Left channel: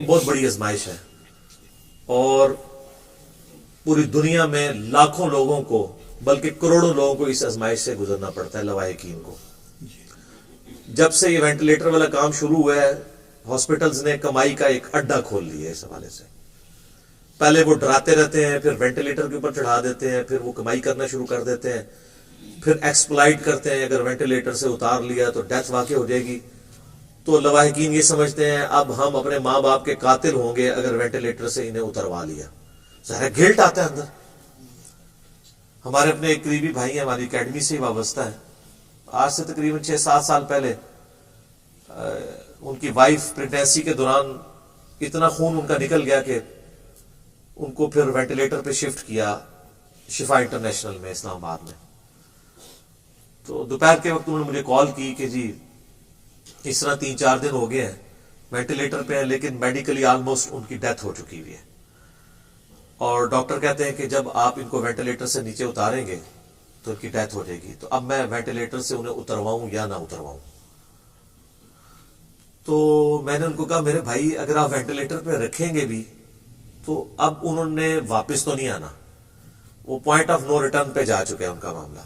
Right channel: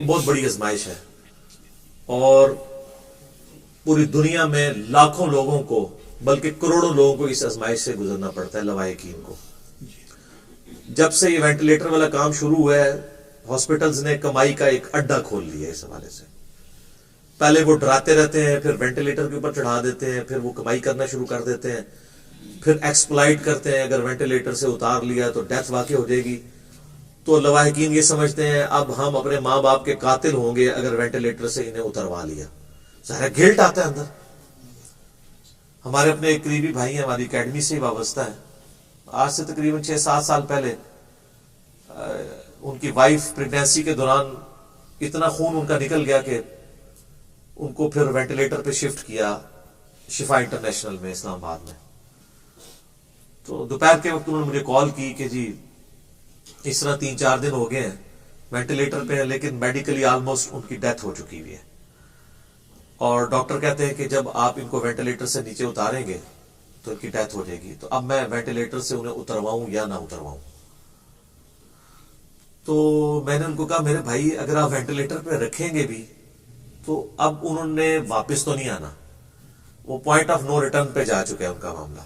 بہت بڑی آزمائش ہے اور پوری دنیا میں لاکھوں لوگوں کو بلکہ کروڑوں لوگوں کو اس آزمائش سے گزرنا پڑتا ہے لواحقین کو. جب سے یہ وینٹیلیٹر والا کام شروع ہوا ہے ہاسپٹلز نے کمائی کا ایک اڈا کھول لیا ہے اس حوالے سے. پہلے وہ ڈراتے رہتے ہیں، پھر وینٹیلیٹر کے اوپر چڑھا دیتے ہیں، پھر وہ کمائی کرنا شروع کر دیتے ہیں، پھر ایکسپلائٹ کرتے ہیں. اگر وینٹیلیٹر سے اتار لیا تو ڈیتھ واقع ہو جائے گی، تو لواحقین یہ سمجھتے ہیں اب ہم اپنے ماں باپ کے قاتل ہوں گے اگر وینٹیلیٹر سے انہیں اتروا لیا. ظاہر گلٹ آتا ہے اندر. ہمارے اپنے ایک قریبی بھائی ہیں، ہماری اکیڈمی سے ہی وابستہ ہے. آج سے تقریباً 6-7 سال پہلے ان کی وائف پریگنینسی کے دوران اتنا خون ان کا نکل گیا کہ ان کو پھر وینٹیلیٹر پہ شفٹ کیا شفا انٹرنیشنل میں اسلام آباد میں. تو دوپہر کے وقت انہوں نے مجھے کال کی کہ جی اس طرح 3-4 دن ہو گئے ہیں وینٹیلیٹر پہ ہیں لیکن میڈیکلی آلموسٹ ان کی ڈیتھ ہو چکی ہوئی ہے، اور ڈاکٹر کہتے ہیں کہ جب آپ ان کو وینٹیلیٹر سے نیچے اتاریں گے تو ان کی ڈیتھ ہو جائے گی. تو اب میں وینٹیلیٹر سے انہیں اترواؤں یا نہ اترواؤں. تو میں نے ان کو کہا میرے بھائی اگر آپ وینٹیلیٹر پہ رکھیں گے بھی تو اب انہوں نے واپس تو نہیں آنا، وہ پوائنٹ آف نو ریٹرن پہ جا چکے ہیں ان کا معاملہ.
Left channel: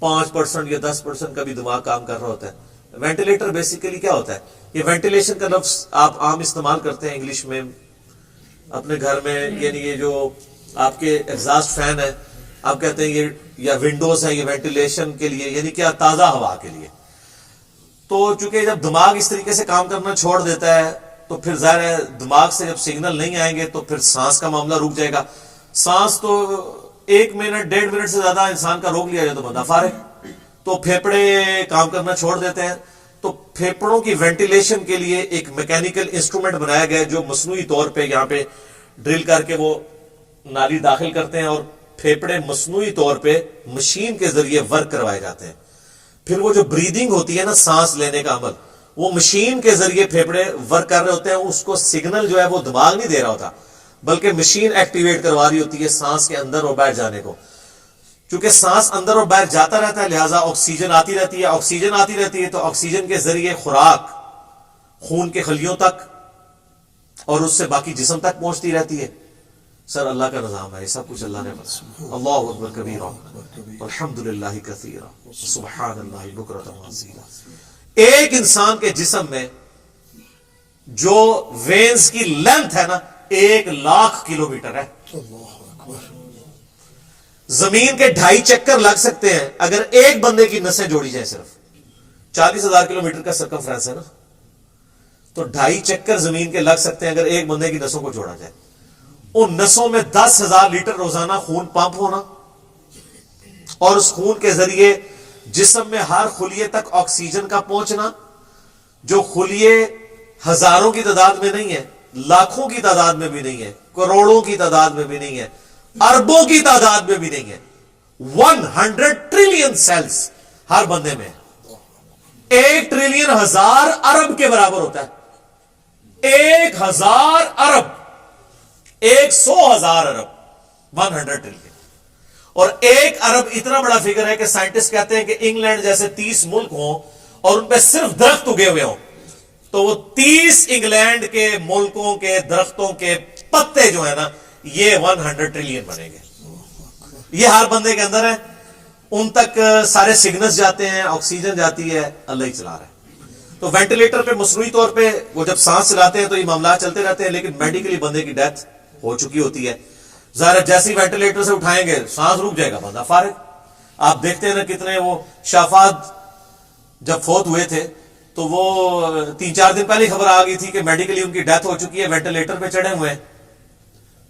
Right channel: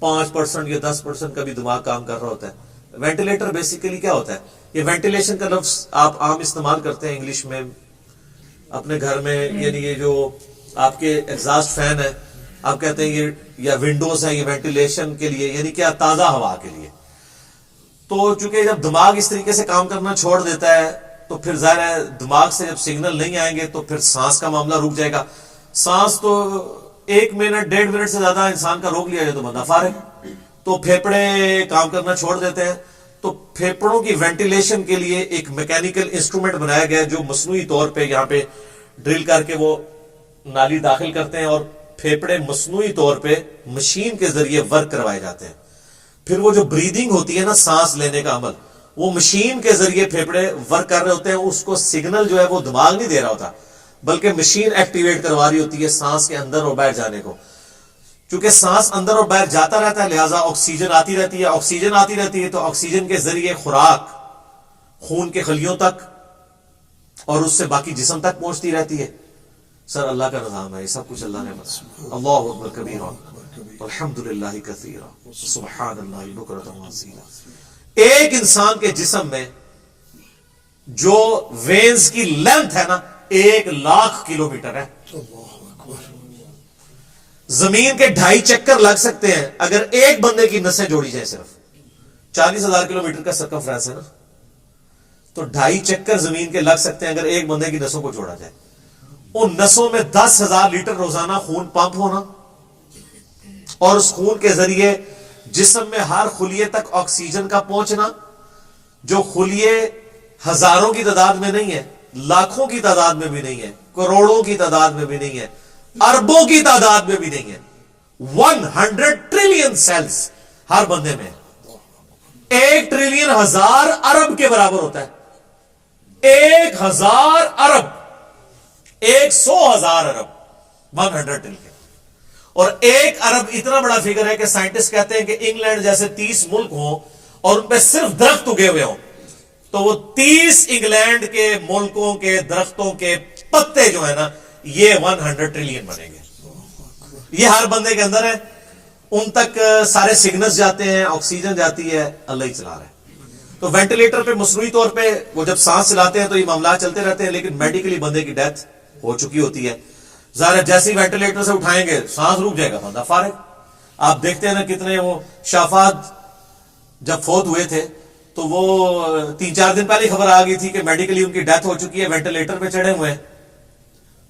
5% یا 10% کا بھی دماغ کام کر رہا ہوتا ہے. وینٹیلیٹر بیسیکلی کیا ہوتا ہے؟ یہ وینٹیلیشن کا لفظ آپ عام استعمال کرتے ہیں انگلش میں اپنے گھر میں، یعنی یہ جو آپ کے ایگزاسٹ فین ہے آپ کہتے ہیں یہ یا ونڈوز ہے، یہ وینٹیلیشن کے لیے، یعنی کیا تازہ ہوا کے لیے. تو چونکہ جب دماغ اس طریقے سے کام کرنا چھوڑ دیتا ہے تو پھر ظاہر ہے دماغ سے جب سگنل نہیں آئیں گے تو پھر سانس کا معاملہ رک جائے گا. سانس تو 1 منٹ 1.5 منٹ سے زیادہ انسان کا روک لیا جائے تو بندہ فارغ. تو پھیپڑے کام کرنا چھوڑ دیتے ہیں. تو پھیپڑوں کی وینٹیلیشن کے لیے ایک میکینیکل انسٹرومنٹ بنایا گیا جو مصنوعی طور پہ یہاں پہ ڈرل کر کے وہ نالی داخل کرتے ہیں اور پھیپڑے مصنوعی طور پہ مشین کے ذریعے ورک کروائے جاتے ہیں. پھر وہ جو بریدنگ ہوتی ہے نا، سانس لینے کا عمل، وہ مشین کے ذریعے پھیپڑے ورک کر رہے ہوتے ہیں. اس کو سگنل جو ہے وہ دماغ نہیں دے رہا ہوتا بلکہ مشین ایکٹیویٹ کروا رہی ہوتی ہے سانس کے اندر اور باہر جانے کو. چونکہ سانس اندر اور باہر جاتا رہتا ہے لہٰذا آکسیجن آتی رہتی ہے. آکسیجن آتی رہتی ہے تو آکسیجن کے ذریعے خوراک خون کے خلیوں تک اور اس سے باقی جسم تک پہنچتی رہتی ہے. سر اللہ کا نظام ہے، یہ سب کچھ اللہ نے بنایا. اللہ اکبر کبیرا والحمد للہ کثیرا سبحان اللہ بکرۃ واصیلا. ایک انسان کے جسم میں جو وینز کی لینتھ ہے نا 1,00,000 کلومیٹر ہے. زمین کے 2.5 چکر لگ سکتے ہیں اگر ایک بندے کی نسیں جوڑی جائیں. صرف 40,000 کلومیٹر کا سرکمفرنس ہے نا، تو 2.5 چکر زمین کے لگ سکتے ہیں اگر ایک بندے کی نسوں کو جوڑا جائے. ان نسوں میں 10,000 لیٹر روزانہ خون پمپ ہونا اور اس خون کے ذریعے جسم میں ہر خلیے تک آکسیجن کا پہنچنا، جو خلیے ہزاروں کی تعداد میں نہیں ہے، لاکھوں کی تعداد میں بھی نہیں ہے، کروڑوں کی تعداد میں بھی نہیں ہے، اربوں کی تعداد میں بھی نہیں ہے. 100 ٹریلین سیلز ہر بندے میں. 1 ٹریلین 1000 ارب کے برابر ہوتا ہے. 1000 ارب 100,000 ارب 100 ٹریلین. اور 1 ارب اتنا بڑا فگر ہے کہ سائنٹسٹ کہتے ہیں کہ انگلینڈ جیسے 30 ملک ہوں اور ان پہ صرف درخت اگے ہوئے ہوں تو وہ 30 انگلینڈ کے ملکوں کے درختوں کے پتے جو ہیں نا یہ 100 ٹریلین بنے گے. یہ ہر بندے کے اندر ہے. ان تک سارے سگنلز جاتے ہیں، آکسیجن جاتی ہے، اللہ ہی چلا رہا ہے. تو وینٹیلیٹر پہ مصنوعی طور پہ وہ جب سانس چلاتے ہیں تو یہ معاملات چلتے رہتے ہیں لیکن میڈیکلی بندے کی ڈیتھ ہو چکی ہوتی ہے. ظاہر جیسے ہی وینٹیلیٹر سے اٹھائیں گے سانس رک جائے گا، بندہ فارغ. آپ دیکھتے ہیں نا کتنے وہ شافعات جب فوت ہوئے تھے تو وہ 3-4 دن پہلے خبر آ گئی تھی کہ میڈیکلی ان کی ڈیتھ ہو چکی ہے، وینٹیلیٹر پہ چڑھے ہوئے ہیں.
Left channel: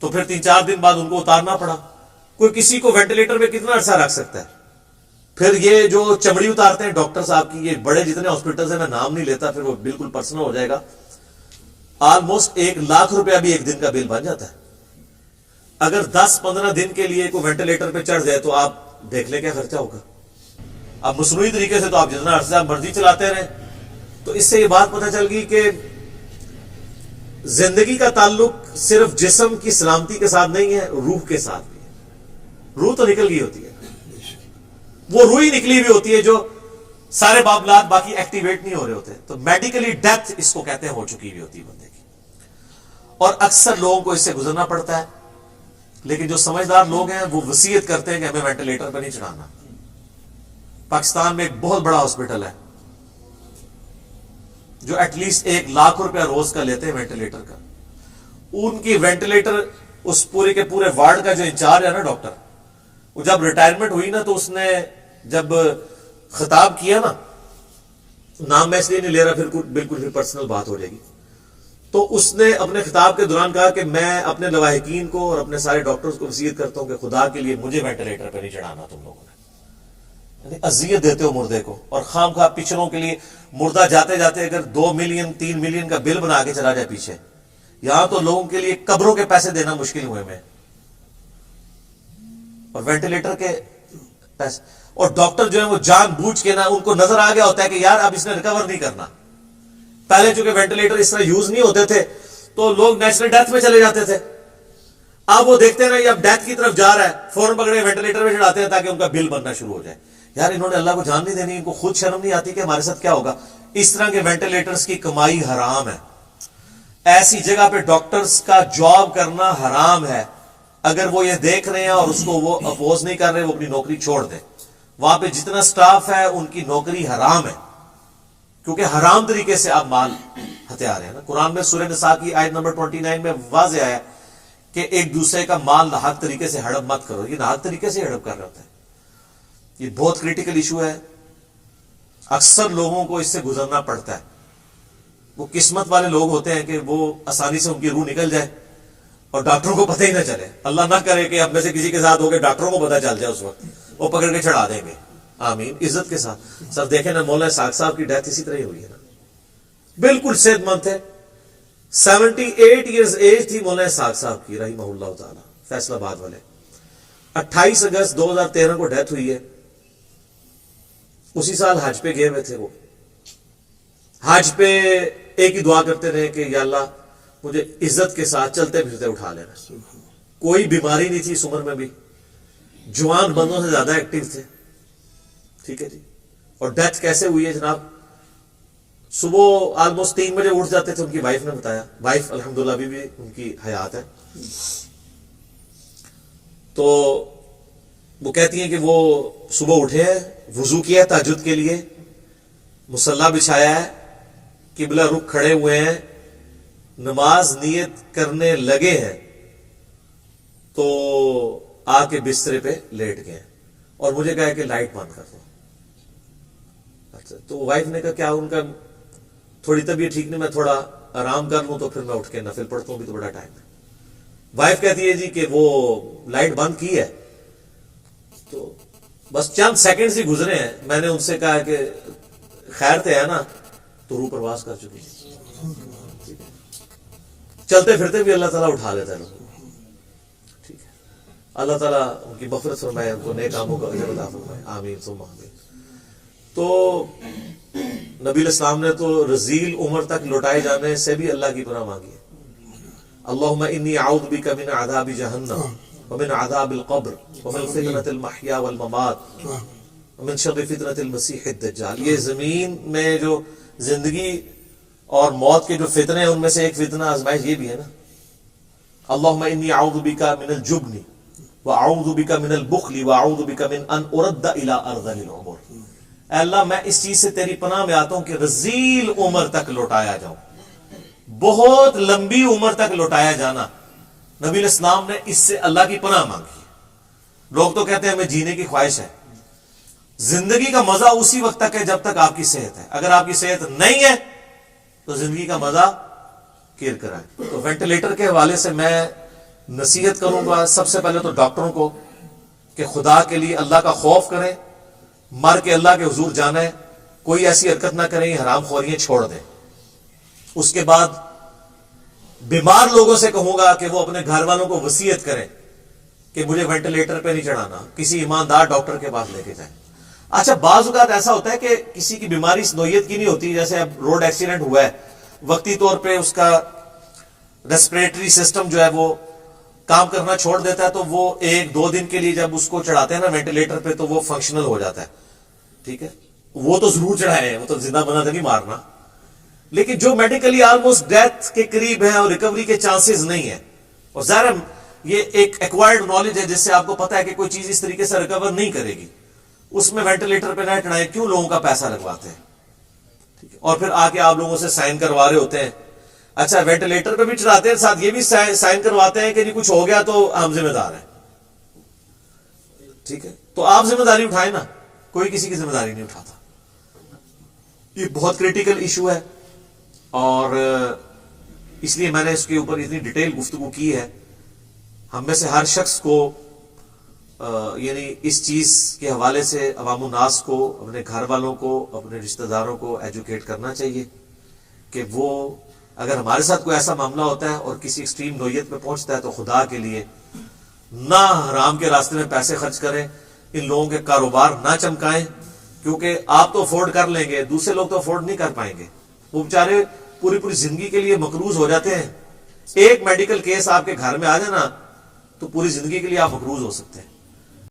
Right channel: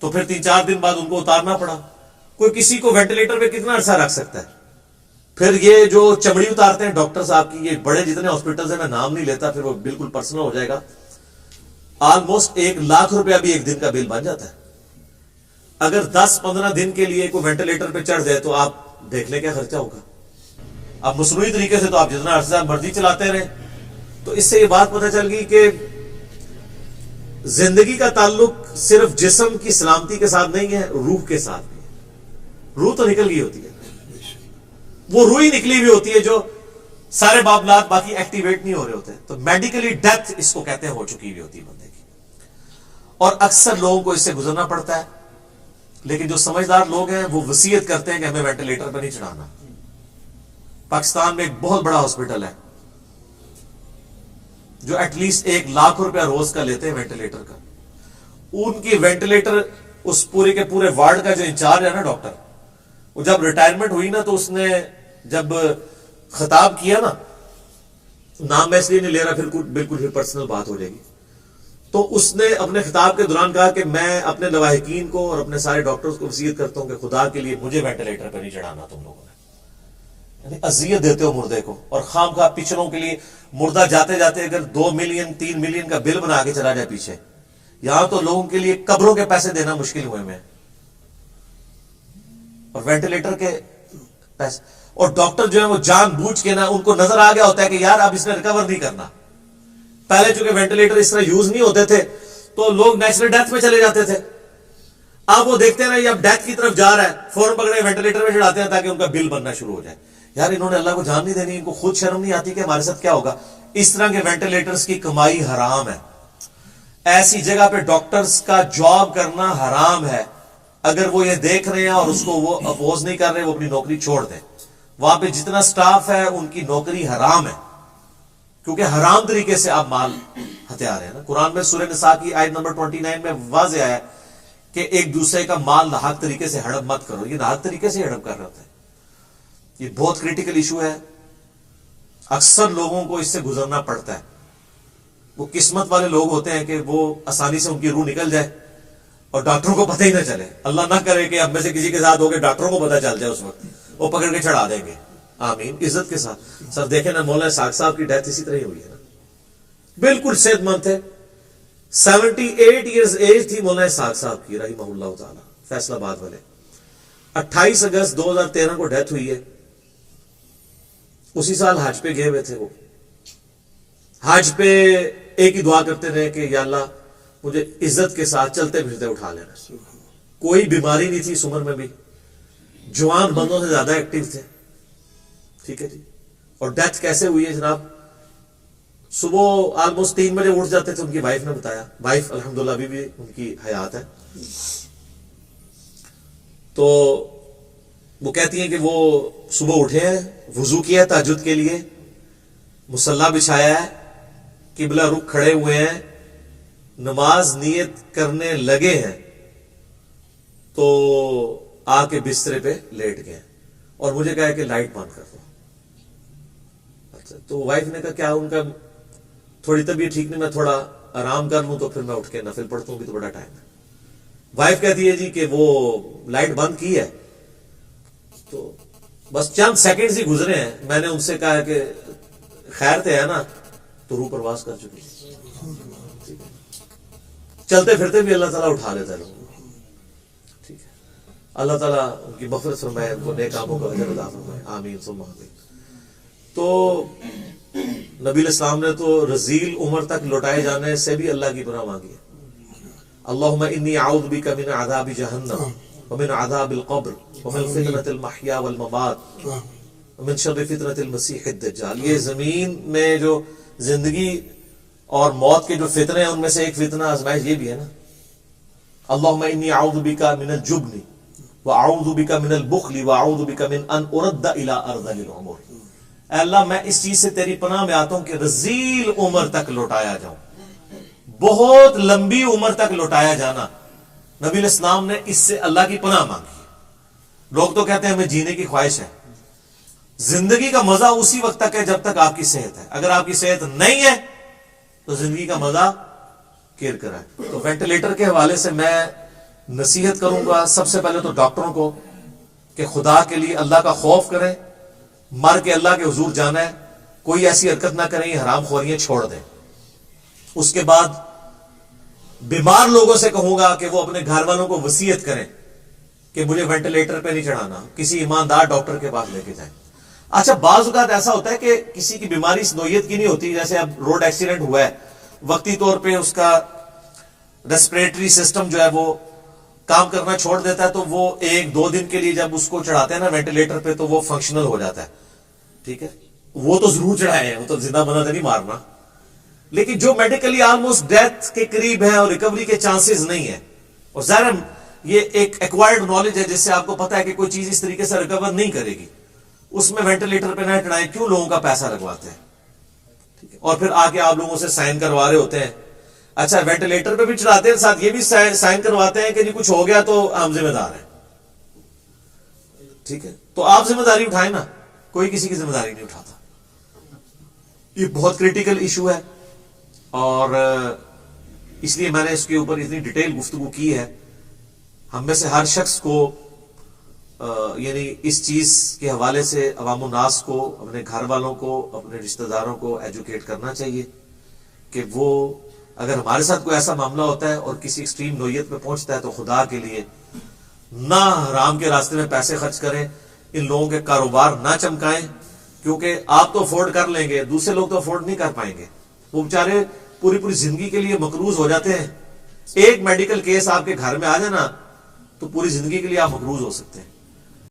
تو پھر 3-4 دن بعد ان کو اتارنا پڑا. کوئی کسی کو وینٹیلیٹر پہ کتنا عرصہ رکھ سکتا ہے؟ پھر یہ جو چمڑی اتارتے ہیں ڈاکٹر صاحب کی، یہ بڑے جتنے ہاسپٹلز ہیں میں نام نہیں لیتا پھر وہ بالکل پرسنل ہو جائے گا، آلموسٹ 1,00,000 روپیہ بھی ایک دن کا بل بن جاتا ہے. اگر 10-15 دن کے لیے کوئی وینٹیلیٹر پہ چڑھ جائے تو آپ دیکھ لیں کیا خرچہ ہوگا. اب مصنوعی طریقے سے تو آپ جتنا عرصہ مرضی چلاتے رہیں. تو اس سے یہ بات پتہ چل گئی کہ زندگی کا تعلق صرف جسم کی سلامتی کے ساتھ نہیں ہے، روح کے ساتھ بھی ہے. روح تو نکل گئی ہوتی ہے، وہ روح ہی نکلی ہوئی ہوتی ہے جو سارے معاملات باقی ایکٹیویٹ نہیں ہو رہے ہوتے. تو میڈیکلی ڈیتھ اس کو کہتے ہیں ہو چکی ہوئی ہوتی ہے بندے کی. اور اکثر لوگوں کو اس سے گزرنا پڑتا ہے. لیکن جو سمجھدار لوگ ہیں وہ وصیت کرتے ہیں کہ ہمیں وینٹیلیٹر پہ نہیں چڑھانا. پاکستان میں ایک بہت بڑا ہاسپٹل ہے جو ایٹ لیسٹ 1 لاکھ روپیہ روز کا لیتے ہیں وینٹیلیٹر کا. ان کی وینٹیلیٹر اس پورے کے پورے وارڈ کا جو انچارج ہے نا ڈاکٹر, وہ جب ریٹائرمنٹ ہوئی نا تو اس نے جب خطاب کیا نا, نام میں اس لیے نہیں لے رہا پھر بالکل پھر پرسنل بات ہو جائے گی, تو اس نے اپنے خطاب کے دوران کہا کہ میں اپنے لواحقین کو اور اپنے سارے ڈاکٹرز کو وصیت کرتا ہوں کہ خدا کے لیے مجھے وینٹیلیٹر پہ نہیں چڑھانا تم لوگوں نے. یعنی اذیت دیتے ہو مردے کو, اور خام خواہ پچھلوں کے لیے مردہ جاتے جاتے اگر 2 ملین 3 ملین کا بل بنا کے چلا جائے پیچھے, یہاں تو لوگوں کے لیے قبروں کے پیسے دینا مشکل ہوئے میں, اور وینٹیلیٹر کے پیسے. اور ڈاکٹر جو ہے وہ جان بوجھ کے نا, ان کو نظر آ گیا ہوتا ہے کہ یار اب اس نے ریکور نہیں کرنا. پہلے چونکہ وینٹیلیٹر اس طرح یوز نہیں ہوتے تھے تو لوگ نیچرل ڈیتھ میں چلے جاتے تھے. اب وہ دیکھتے ہیں نا یہ اب ڈیتھ کی طرف جا رہا ہے, فوراً پکڑے وینٹیلیٹر میں چڑھاتے ہیں تاکہ ان کا بل بننا شروع ہو جائے. یار انہوں نے اللہ کو جان نہیں دینی, ان کو خود شرم نہیں آتی کہ ہمارے ساتھ کیا ہوگا. اس طرح کے وینٹیلیٹرز کی کمائی حرام ہے. ایسی جگہ پہ ڈاکٹرز کا جاب کرنا حرام ہے. اگر وہ یہ دیکھ رہے ہیں اور اس کو وہ اپوز نہیں کر رہے, وہ اپنی نوکری چھوڑ دیں. وہاں پہ جتنا سٹاف ہے ان کی نوکری حرام ہے, کیونکہ حرام طریقے سے آپ مال ہتھیار ہیں نا. قرآن میں سورہ نساء کی آیت نمبر 29 میں واضح آیا کہ ایک دوسرے کا مال ناحق طریقے سے ہڑپ مت کرو. یہ ناحق طریقے سے ہڑپ کر رہا ہوتا ہے. یہ بہت کریٹیکل ایشو ہے. اکثر لوگوں کو اس سے گزرنا پڑتا ہے. وہ قسمت والے لوگ ہوتے ہیں کہ وہ آسانی سے ان کی روح نکل جائے اور ڈاکٹروں کو پتہ ہی نہ چلے. اللہ نہ کرے کہ اب میں سے کسی کے ساتھ ہو کے ڈاکٹروں کو پتہ چل جائے, اس وقت وہ پکڑ کے چڑھا دیں گے. آمین, عزت کے ساتھ. سر دیکھیں نا, مولانا اسحاق صاحب کی ڈیتھ اسی طرح ہی ہوئی ہے نا. بالکل صحت مند تھے, 78 ایئرز ایج تھی مولانا اسحاق صاحب کی رحمہ اللہ تعالی, فیصل آباد والے. 28 اگست 2013 کو ڈیتھ ہوئی ہے. اسی سال حج پہ گئے ہوئے تھے. وہ حج پہ ایک ہی دعا کرتے رہے کہ یا اللہ مجھے عزت کے ساتھ چلتے پھرتے اٹھا لینا. کوئی بیماری نہیں تھی اس عمر میں بھی, جوان بندوں سے زیادہ ایکٹیو تھے. ٹھیک ہے جی. اور ڈیتھ کیسے ہوئی ہے جناب, صبح آلموسٹ 3 بجے اٹھ جاتے تھے. ان کی وائف نے بتایا, وائف الحمدللہ ابھی بھی ان کی حیات ہے. تو وہ کہتی ہیں کہ وہ صبح اٹھے ہیں, وضو کیا تہجد کے لیے, مصلی بچھایا ہے, قبلہ رخ کھڑے ہوئے ہیں, نماز نیت کرنے لگے ہیں تو آ کے بسترے پہ لیٹ گئے اور مجھے کہا کہ لائٹ بند کر دو. اچھا, تو وائف نے کہا کیا ان کا تھوڑی طبیعت ٹھیک نہیں, میں تھوڑا آرام کر لوں تو پھر میں اٹھ کے نفل پڑھتا ہوں, بھی تو بڑا ٹائم ہے. وائف کہتی ہے جی کہ وہ لائٹ بند کی ہے, تو بس چند سیکنڈز ہی گزرے ہیں. میں نے ان سے کہا کہ خیر تے ہے نا, تو روح پرواز کر چکی. چلتے پھرتے بھی اللہ تعالیٰ اٹھا لیتا ہے لوگوں کو. ٹھیک ہے, اللہ تعالیٰ ان کی مغفرت فرمائے, ان کو نیک کاموں کا اجر عطا فرمائے. آمین ثم آمین. تو نبی الاسلام نے تو رذیل عمر تک لوٹائے جانے سے بھی اللہ کی پناہ مانگی ہے. اللہم انی اعوذ بک من عذاب جہنم ومن عذاب القبر ومن فتنة المحیا والممات ومن شر فتنة المسیح الدجال. یہ زمین میں جو زندگی اور موت کے جو فتنے ہیں ان میں سے ایک فتنہ آزمائش یہ بھی ہے نا. اللہم انی اعوذ بک من الجبن واعوذ بک من البخل واعوذ بک من ان ارد الی ارذل العمر. اے اللہ میں اس چیز سے تیری پناہ میں آتا ہوں کہ رذیل عمر تک لوٹایا جاؤں. بہت لمبی عمر تک لوٹایا جانا, نبی الاسلام نے اس سے اللہ کی پناہ مانگی. لوگ تو کہتے ہیں ہمیں جینے کی خواہش ہے. زندگی کا مزہ اسی وقت تک ہے جب تک آپ کی صحت ہے. اگر آپ کی صحت نہیں ہے تو زندگی کا مزہ کیر کرا ہے. تو وینٹیلیٹر کے حوالے سے میں نصیحت کروں گا سب سے پہلے تو ڈاکٹروں کو کہ خدا کے لیے اللہ کا خوف کریں, مر کے اللہ کے حضور جانا ہے, کوئی ایسی حرکت نہ کریں, حرام خوریاں چھوڑ دیں. اس کے بعد بیمار لوگوں سے کہوں گا کہ وہ اپنے گھر والوں کو وصیت کریں کہ مجھے وینٹیلیٹر پہ نہیں چڑھانا, کسی ایماندار ڈاکٹر کے پاس لے کے جائیں. اچھا, بعض اوقات ایسا ہوتا ہے کہ کسی کی بیماری اس نوعیت کی نہیں ہوتی, جیسے اب روڈ ایکسیڈنٹ ہوا ہے, وقتی طور پہ اس کا ریسپریٹری سسٹم جو ہے وہ کام کرنا چھوڑ دیتا ہے, تو وہ 1-2 دن کے لیے جب اس کو چڑھاتے ہیں نا وینٹیلیٹر پہ تو وہ فنکشنل ہو جاتا ہے. ٹھیک ہے, وہ تو ضرور چڑھائے, وہ تو زندہ بنا تو نہیں مارنا. لیکن جو میڈیکلی آلموسٹ ڈیتھ کے قریب ہے اور ریکوری کے چانسز نہیں ہے، اور ظاہر یہ ایک ایکوائرڈ نالج ہے جس سے آپ کو پتا ہے کہ کوئی چیز اس طریقے سے ریکور نہیں کرے گی، اس میں وینٹیلیٹر پہ نہ چڑھائیں، کیوں لوگوں کا پیسہ لگواتے ہیں؟ ٹھیک ہے، اور پھر آ کے آپ لوگوں سے سائن کروا رہے ہوتے ہیں. اچھا وینٹیلیٹر پہ بھی چڑھاتے ہیں، ساتھ یہ بھی سائن کرواتے ہیں کہ جی کچھ ہو گیا تو ہم ذمہ دار ہیں. ٹھیک ہے، تو آپ ذمہ داری اٹھائیں نا، کوئی کسی کی ذمہ داری نہیں اٹھاتا. یہ بہت کریٹیکل ایشو ہے، اور اس لیے میں نے اس کے اوپر اتنی ڈیٹیل گفتگو کی ہے. ہم میں سے ہر شخص کو یعنی اس چیز کے حوالے سے عوام الناس کو، اپنے گھر والوں کو، اپنے رشتہ داروں کو ایجوکیٹ کرنا چاہیے کہ وہ اگر ہمارے ساتھ کوئی ایسا معاملہ ہوتا ہے اور کسی ایکسٹریم نوعیت میں پہنچتا ہے تو خدا کے لیے نہ حرام کے راستے میں پیسے خرچ کریں، ان لوگوں کے کاروبار نہ چمکائیں، کیونکہ آپ تو افورڈ کر لیں گے، دوسرے لوگ تو افورڈ نہیں کر پائیں گے. وہ بیچارے پوری زندگی کے لیے مقروض ہو جاتے ہیں. ایک میڈیکل کیس آپ کے گھر میں آ جائے نا تو پوری زندگی کے لیے آپ مقروض ہو سکتے ہیں.